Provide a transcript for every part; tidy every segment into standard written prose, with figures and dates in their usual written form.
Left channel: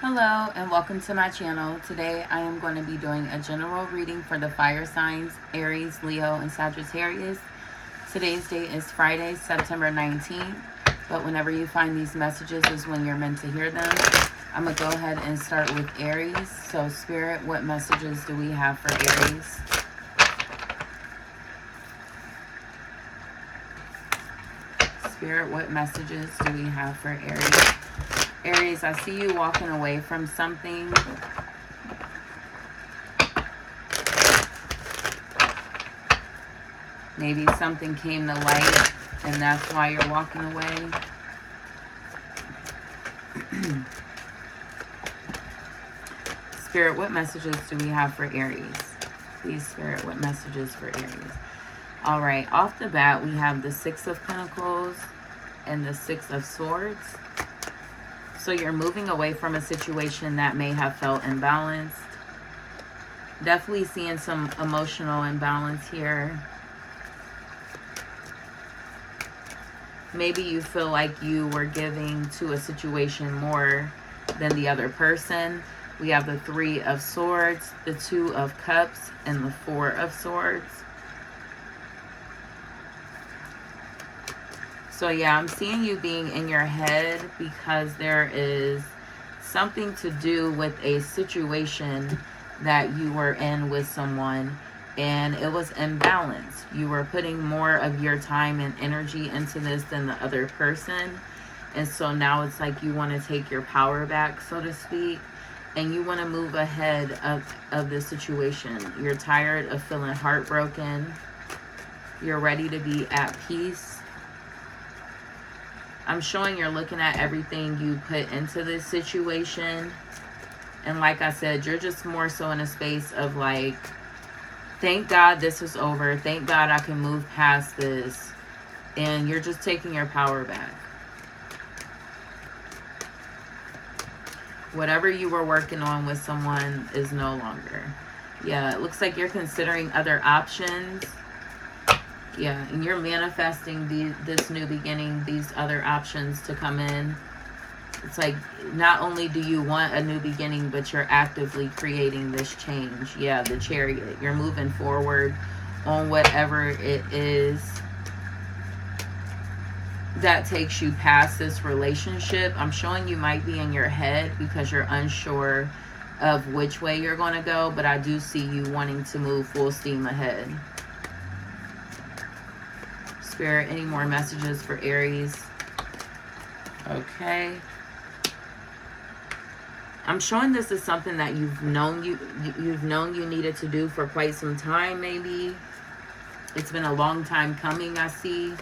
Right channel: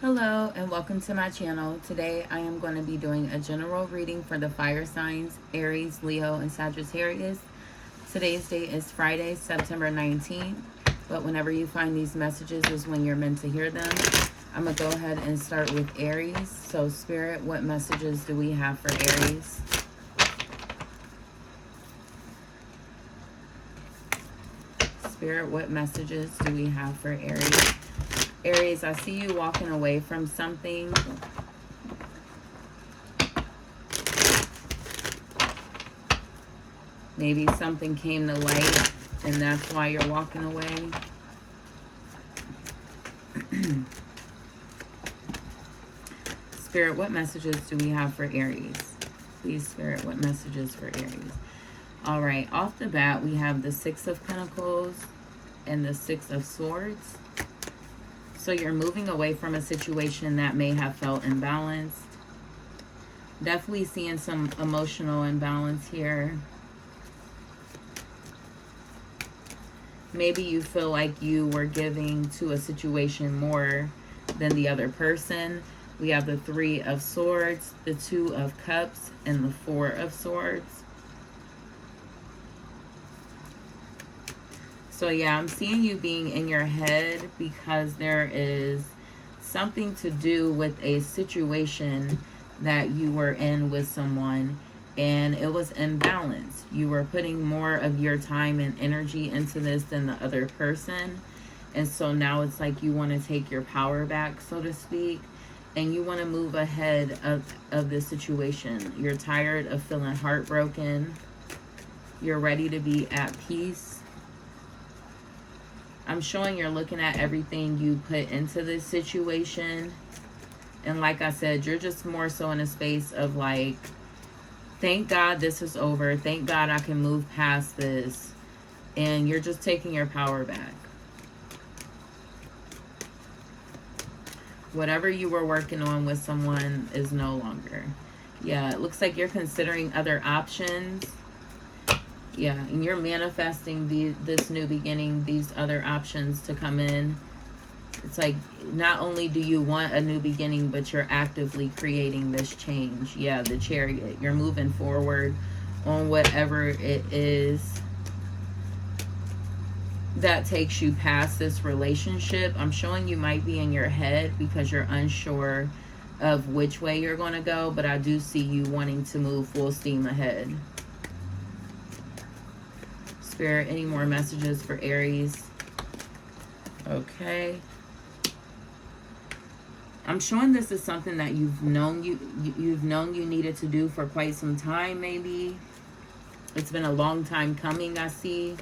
Hello and welcome to my channel. Today I am going to be doing a general reading for the fire signs, Aries, Leo, and Sagittarius. Today's date is Friday, September 19th, but whenever you find these messages is when you're meant to hear them. I'm going to go ahead and start with Aries. So Spirit, what messages do we have for Aries? Spirit, what messages do we have for Aries? Aries, I see you walking away from something. Maybe something came to light and that's why you're walking away. Spirit, what messages do we have for Aries? Please, Spirit, what messages for Aries? All right, off the bat, we have the Six of Pentacles and the Six of Swords. So you're moving away from a situation that may have felt imbalanced. Definitely seeing some emotional imbalance here. Maybe you feel like you were giving to a situation more than the other person. We have the Three of Swords, the Two of Cups, and the Four of Swords. So yeah, I'm seeing you being in your head because there is something to do with a situation that you were in with someone and it was imbalanced. You were putting more of your time and energy into this than the other person. And so now it's like you want to take your power back, so to speak, and you want to move ahead of the situation. You're tired of feeling heartbroken. You're ready to be at peace. I'm showing you're looking at everything you put into this situation. And like I said, you're just more so in a space of like, thank God this is over. Thank God I can move past this. And you're just taking your power back. Whatever you were working on with someone is no longer. Yeah, it looks like you're considering other options. Yeah, and you're manifesting this new beginning, these other options to come in. It's like, not only do you want a new beginning, but you're actively creating this change. Yeah, the Chariot. You're moving forward on whatever it is that takes you past this relationship. I'm showing you might be in your head because you're unsure of which way you're going to go, but I do see you wanting to move full steam ahead. Spirit, any more messages for Aries? Okay. I'm showing this is something that you've known you needed to do for quite some time, maybe. It's been a long time coming, I see.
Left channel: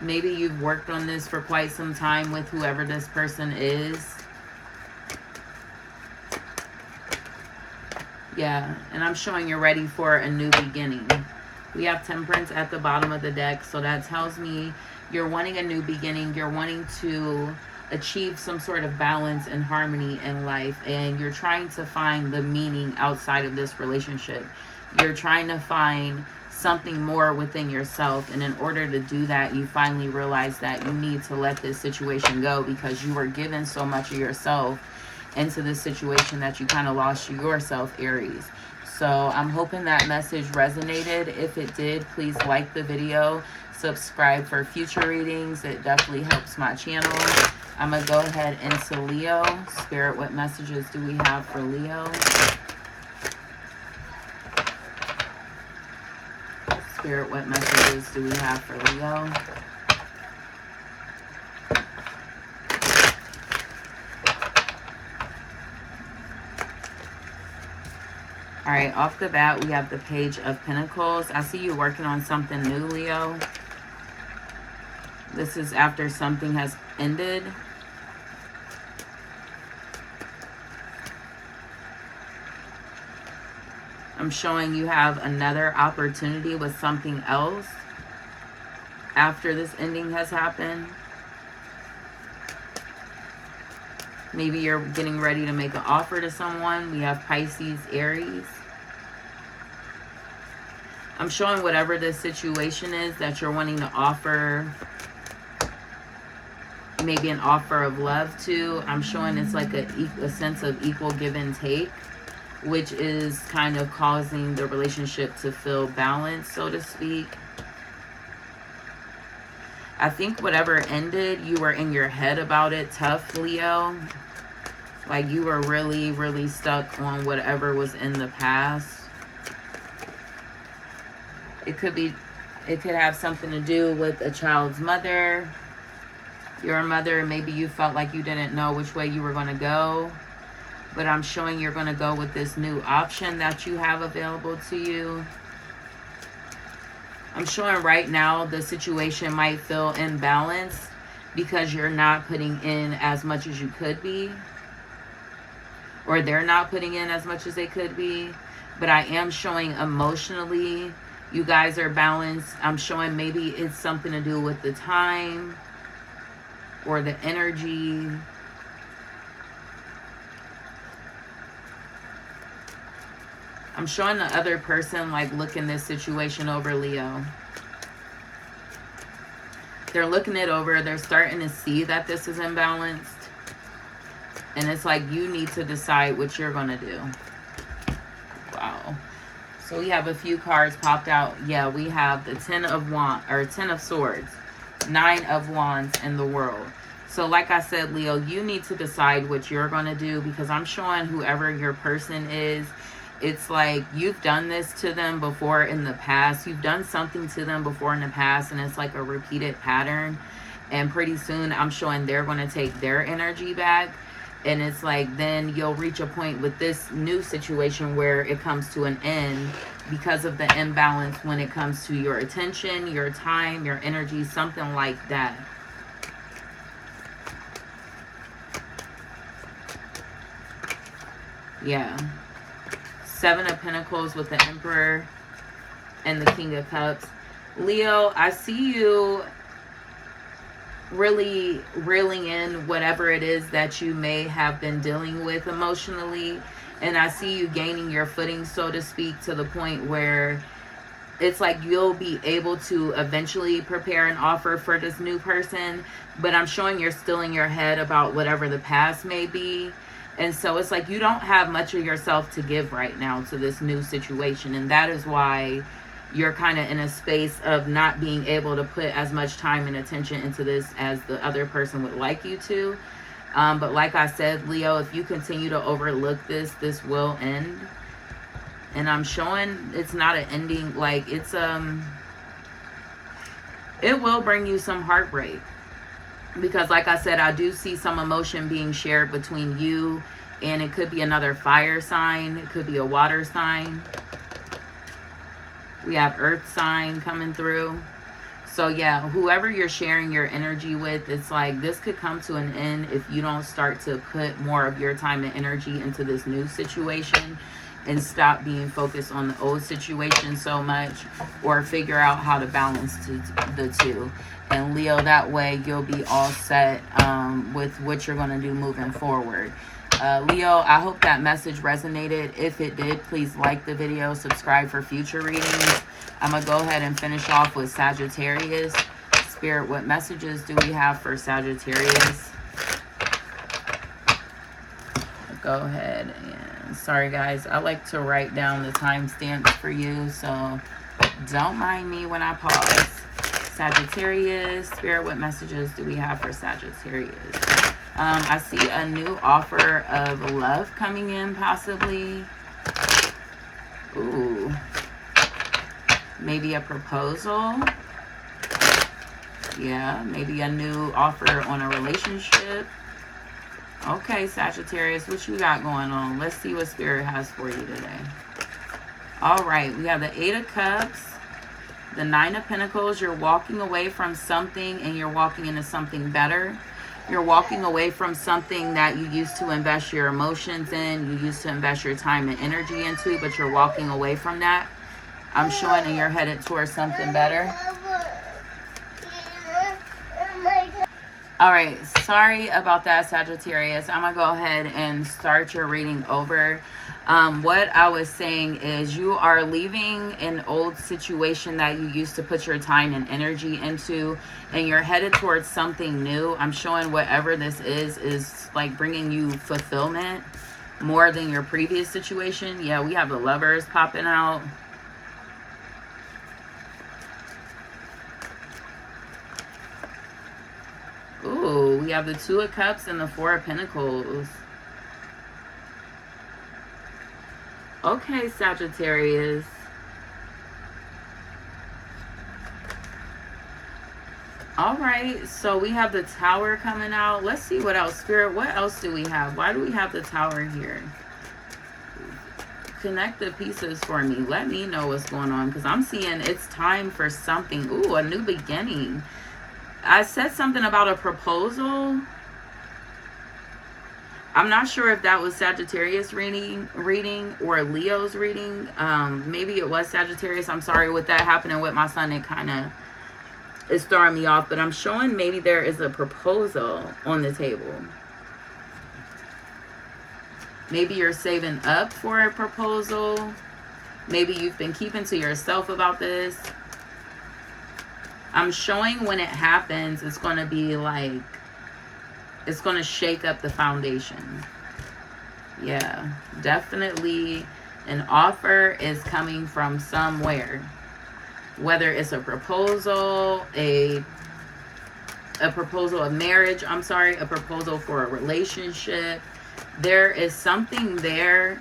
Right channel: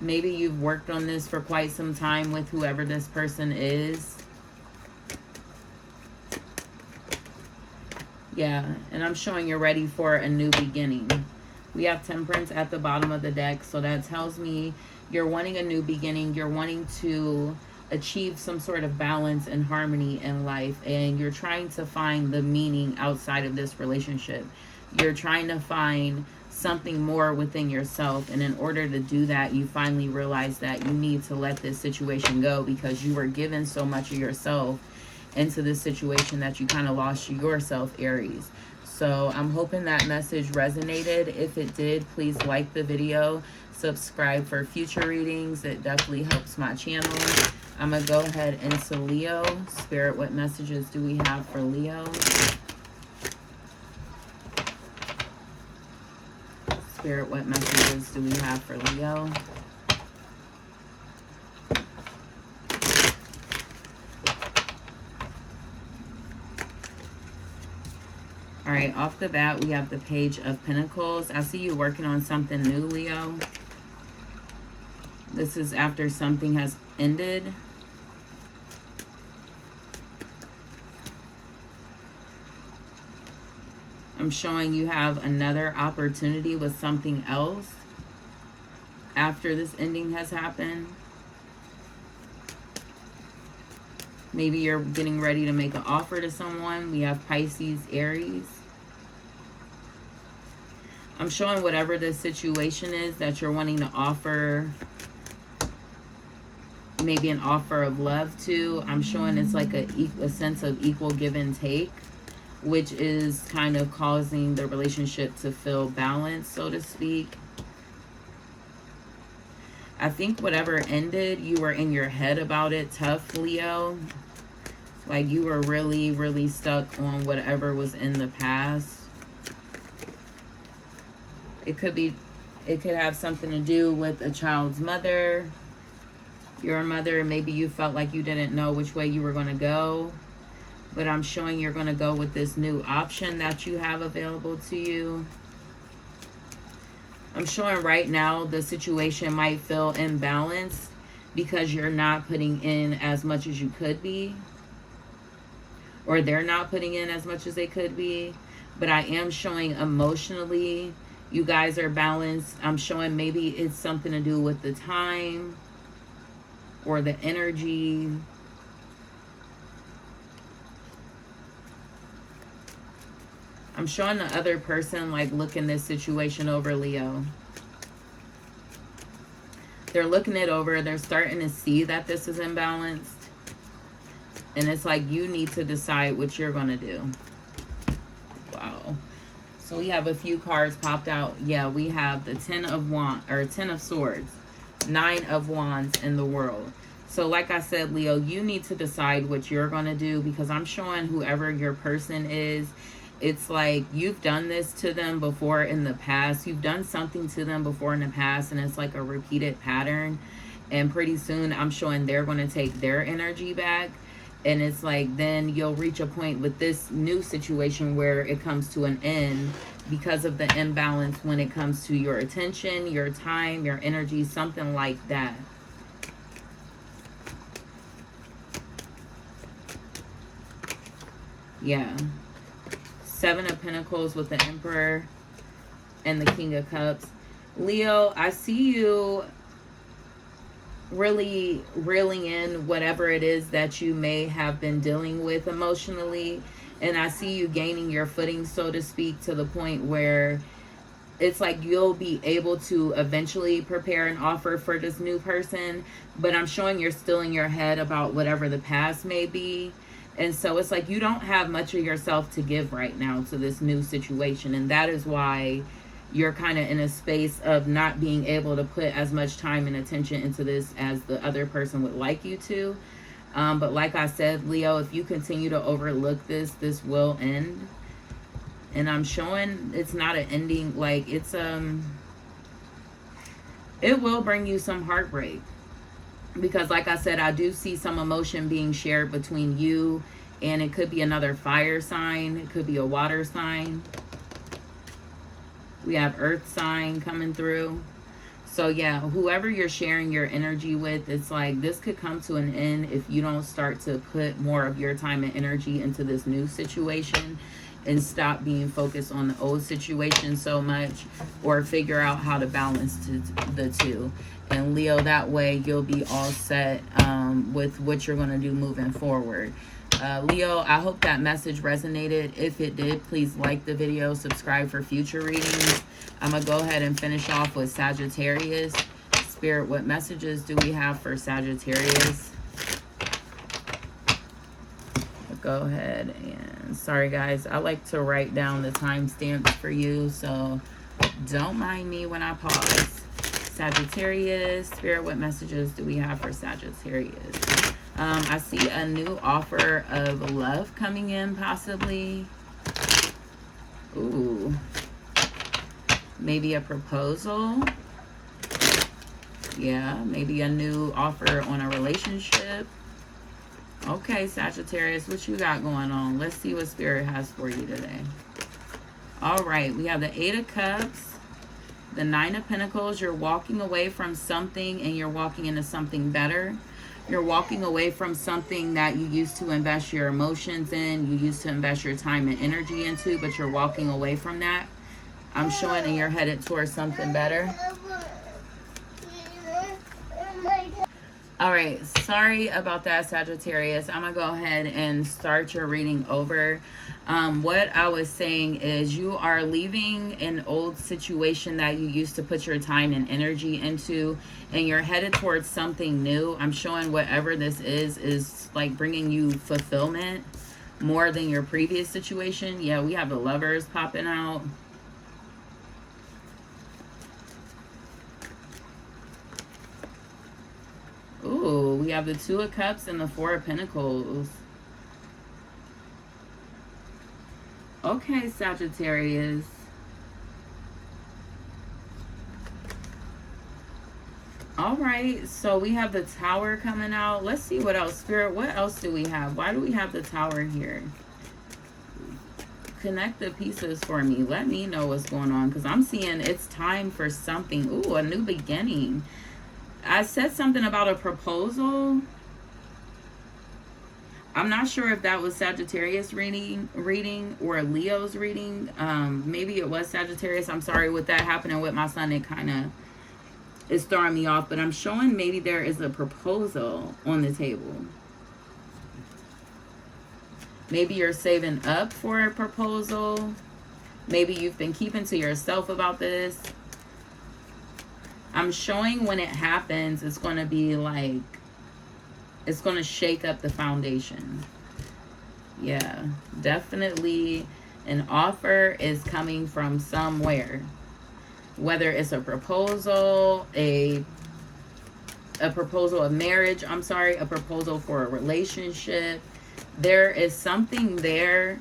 Maybe you've worked on this for quite some time with whoever this person is. Yeah, and I'm showing you're ready for a new beginning. We have Temperance at the bottom of the deck, so that tells me you're wanting a new beginning. You're wanting to achieve some sort of balance and harmony in life, and you're trying to find the meaning outside of this relationship. You're trying to find something more within yourself, and in order to do that, you finally realize that you need to let this situation go because you were given so much of yourself into this situation that you kind of lost yourself, Aries. So I'm hoping that message resonated. If it did, please like the video, subscribe for future readings. It definitely helps my channel. I'm going to go ahead into Leo. Spirit, what messages do we have for Leo? Spirit, what messages do we have for Leo? All right, off the bat, we have the Page of Pentacles. I see you working on something new, Leo. This is after something has ended. I'm showing you have another opportunity with something else after this ending has happened. Maybe you're getting ready to make an offer to someone. We have Pisces, Aries. I'm showing whatever this situation is that you're wanting to offer maybe an offer of love too. I'm showing it's like a sense of equal give and take, which is kind of causing the relationship to feel balanced, so to speak. I think whatever ended, you were in your head about it tough, Leo. Like you were really, really stuck on whatever was in the past. It could have something to do with a child's mother. Your mother, maybe you felt like you didn't know which way you were going to go. But I'm showing you're going to go with this new option that you have available to you. I'm showing right now the situation might feel imbalanced because you're not putting in as much as you could be. Or they're not putting in as much as they could be. But I am showing emotionally you guys are balanced. I'm showing maybe it's something to do with the time or the energy. I'm showing the other person like looking this situation over, Leo. They're looking it over. They're starting to see that this is imbalanced. And it's like you need to decide what you're going to do. Wow. So we have a few cards popped out. Yeah, we have the 10 of Swords, 9 of Wands in the World. So like I said, Leo, you need to decide what you're going to do, because I'm showing whoever your person is, it's like you've done this to them before in the past. You've done something to them before in the past, and it's like a repeated pattern. And pretty soon I'm showing they're going to take their energy back. And it's like then you'll reach a point with this new situation where it comes to an end because of the imbalance when it comes to your attention, your time, your energy, something like that. Yeah. 7 of Pentacles with the Emperor and the King of Cups. Leo, I see you really reeling in whatever it is that you may have been dealing with emotionally, and I see you gaining your footing, so to speak, to the point where it's like you'll be able to eventually prepare an offer for this new person, but I'm showing you're still in your head about whatever the past may be. And so it's like you don't have much of yourself to give right now to this new situation, and that is why you're kind of in a space of not being able to put as much time and attention into this as the other person would like you to. But like I said, Leo, if you continue to overlook this, this will end. And I'm showing it's not an ending, like it's it will bring you some heartbreak. Because like I said, I do see some emotion being shared between you, and it could be another fire sign, it could be a water sign. We have earth sign coming through. So yeah, whoever you're sharing your energy with, it's like this could come to an end if you don't start to put more of your time and energy into this new situation and stop being focused on the old situation so much, or figure out how to balance the two. And Leo, that way you'll be all set with what you're going to do moving forward. Leo, I hope that message resonated. If it did, please like the video, subscribe for future readings. I'm going to go ahead and finish off with Sagittarius. Spirit, what messages do we have for Sagittarius? Go ahead and, sorry guys, I like to write down the timestamps for you, so don't mind me when I pause. Sagittarius, Spirit, what messages do we have for Sagittarius? I see a new offer of love coming in, possibly. Ooh. Maybe a proposal. Yeah, maybe a new offer on a relationship. Okay, Sagittarius, what you got going on? Let's see what Spirit has for you today. All right, we have the 8 of Cups, the 9 of Pentacles. You're walking away from something and you're walking into something better. You're walking away from something that you used to invest your emotions in, you used to invest your time and energy into, but you're walking away from that. I'm showing that you're headed towards something better. All right, sorry about that, Sagittarius. I'm going to go ahead and start your reading over. What I was saying is you are leaving an old situation that you used to put your time and energy into, and you're headed towards something new. I'm showing whatever this is like bringing you fulfillment more than your previous situation. Yeah, we have the Lovers popping out. Ooh, we have the Two of Cups and the Four of Pentacles. Okay, Sagittarius. All right, so we have the Tower coming out. Let's see what else. Spirit, what else do we have? Why do we have the Tower here? Connect the pieces for me. Let me know what's going on, because I'm seeing it's time for something. Ooh, a new beginning. I said something about a proposal. I'm not sure if that was Sagittarius reading or Leo's reading. Maybe it was Sagittarius. I'm sorry, with that happening with my son, it kind of is throwing me off. But I'm showing maybe there is a proposal on the table. Maybe you're saving up for a proposal. Maybe you've been keeping to yourself about this. I'm showing when it happens, it's going to be like, it's going to shake up the foundation. Yeah, definitely an offer is coming from somewhere. Whether it's a proposal, a proposal of marriage, I'm sorry, a proposal for a relationship. There is something there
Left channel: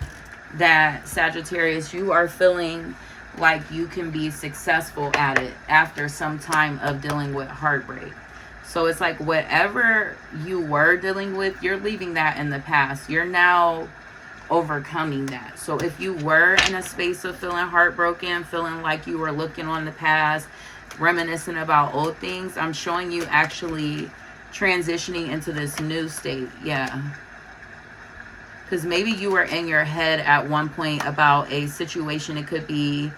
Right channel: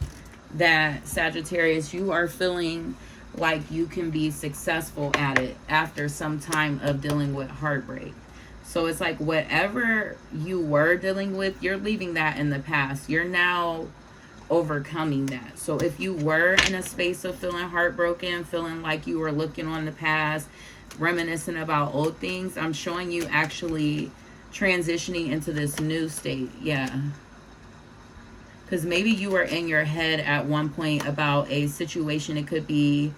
that, Sagittarius, you are feeling like you can be successful at it after some time of dealing with heartbreak. So it's like whatever you were dealing with, you're leaving that in the past. You're now overcoming that. So if you were in a space of feeling heartbroken, feeling like you were looking on the past, reminiscing about old things, I'm showing you actually transitioning into this new state. Yeah. Because maybe you were in your head at one point about a situation. It could be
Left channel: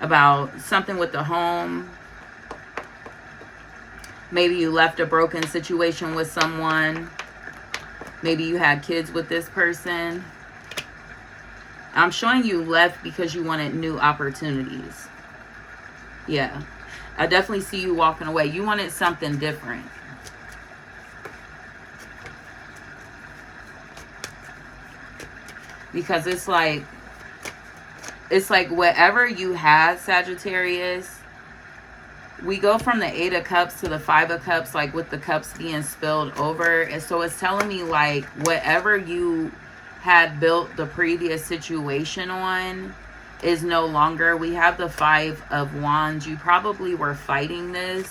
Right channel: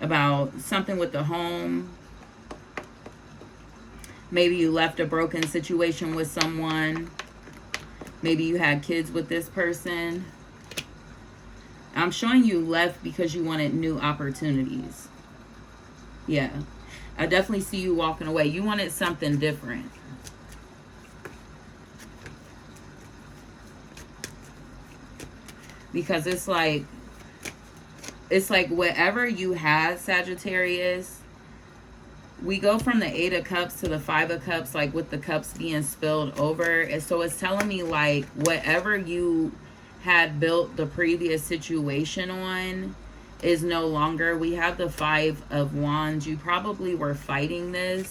about something with the home. Maybe you left a broken situation with someone. Maybe you had kids with this person. I'm showing you left because you wanted new opportunities. Yeah. I definitely see you walking away. You wanted something different. Because it's like whatever you had, Sagittarius, we go from the Eight of Cups to the Five of Cups, like with the cups being spilled over. And so it's telling me like whatever you had built the previous situation on is no longer. We have the Five of Wands. You probably were fighting this.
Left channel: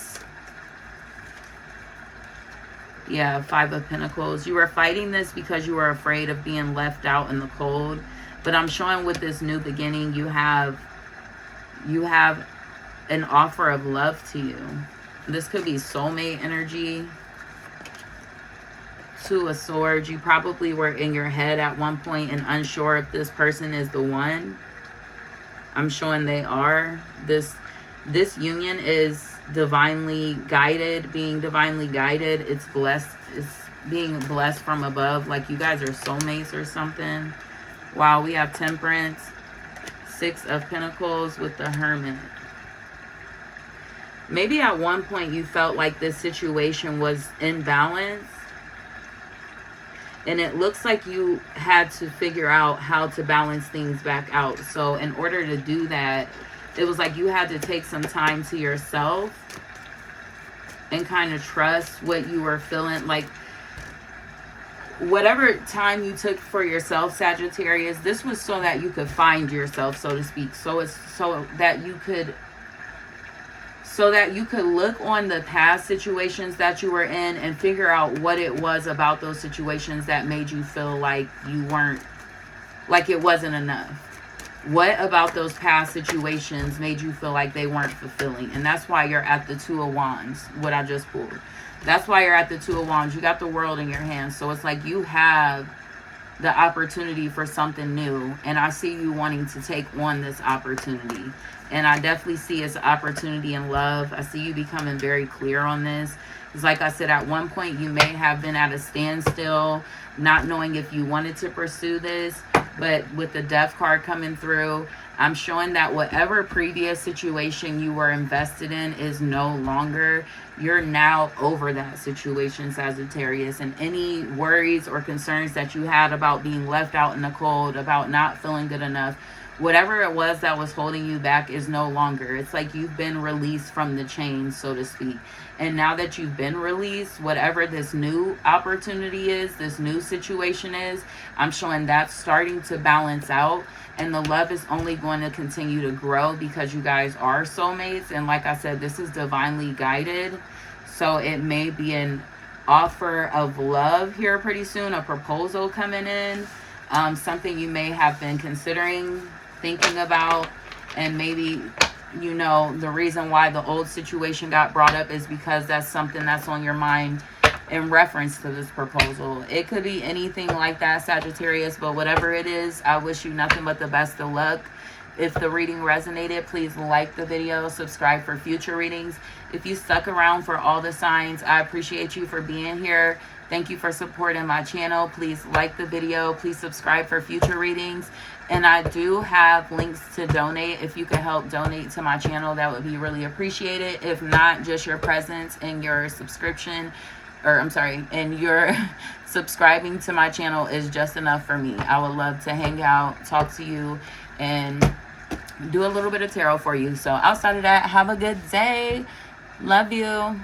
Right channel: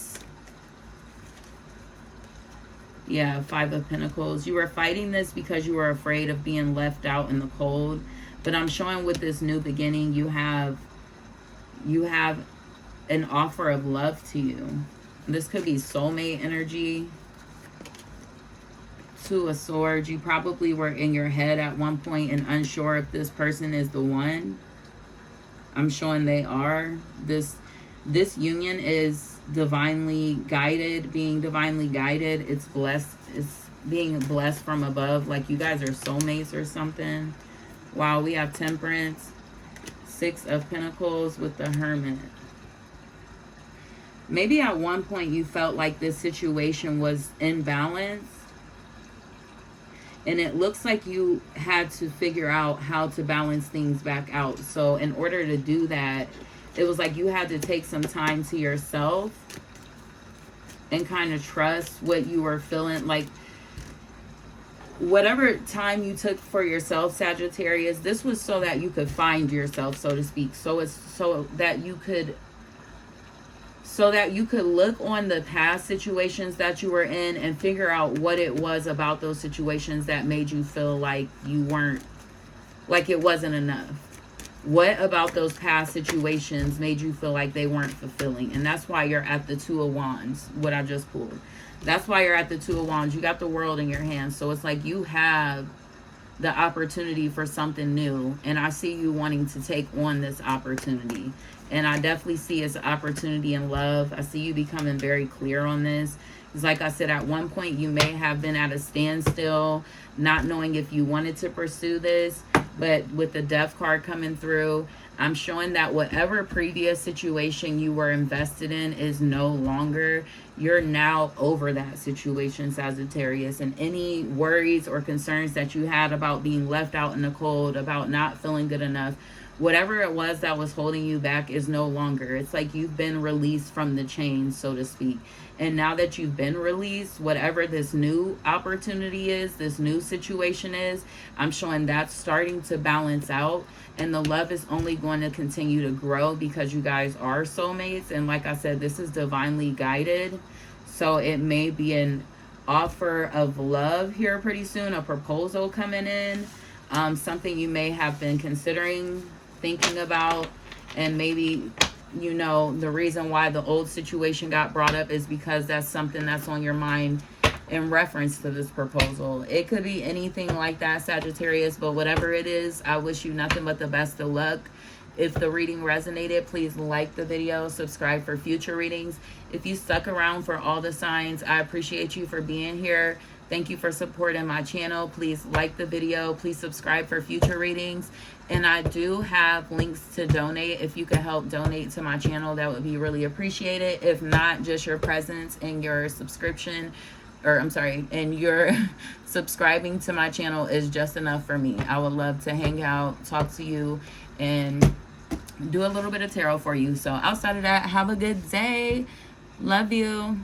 Yeah, Five of Pentacles. You were fighting this because you were afraid of being left out in the cold. But I'm showing with this new beginning, you have an offer of love to you. This could be soulmate energy. Two of Swords. You probably were in your head at one point and unsure if this person is the one. I'm showing they are. This union is divinely guided, being divinely guided. It's blessed. It's being blessed from above, like you guys are soulmates or something. Wow, we have Temperance, Six of Pentacles with the Hermit. Maybe at one point you felt like this situation was imbalanced, and it looks like you had to figure out how to balance things back out. So in order to do that, it was like you had to take some time to yourself and kind of trust what you were feeling. Like whatever time you took for yourself, Sagittarius, this was so that you could find yourself, so to speak. So it's so that you could look on the past situations that you were in and figure out what it was about those situations that made you feel like you weren't, like it wasn't enough. What about those past situations made you feel like they weren't fulfilling? And that's why you're at the Two of Wands, what I just pulled. That's why you're at the Two of Wands. You got the world in your hands. So it's like you have the opportunity for something new. And I see you wanting to take on this opportunity. And I definitely see it's an opportunity in love. I see you becoming very clear on this. Because like I said, at one point you may have been at a standstill, not knowing if you wanted to pursue this. But with the Death card coming through, I'm showing that whatever previous situation you were invested in is no longer. You're now over that situation, Sagittarius. And any worries or concerns that you had about being left out in the cold, about not feeling good enough, whatever it was that was holding you back is no longer. It's like you've been released from the chains, so to speak. And now that you've been released, whatever this new opportunity is, this new situation is, I'm showing that's starting to balance out. And the love is only going to continue to grow because you guys are soulmates. And like I said, this is divinely guided. So it may be an offer of love here pretty soon, a proposal coming in, something you may have been considering, thinking about, and maybe, you know, the reason why the old situation got brought up is because that's something that's on your mind in reference to this proposal. It could be anything like that, Sagittarius, but whatever it is, I wish you nothing but the best of luck. If the reading resonated, please like the video, subscribe for future readings. If you stuck around for all the signs, I appreciate you for being here. Thank you for supporting my channel. Please like the video. Please subscribe for future readings. And I do have links to donate. If you could help donate to my channel, that would be really appreciated. If not, just your presence and your subscription, or I'm sorry, and your subscribing to my channel is just enough for me. I would love to hang out, talk to you, and do a little bit of tarot for you. So outside of that, have a good day. Love you.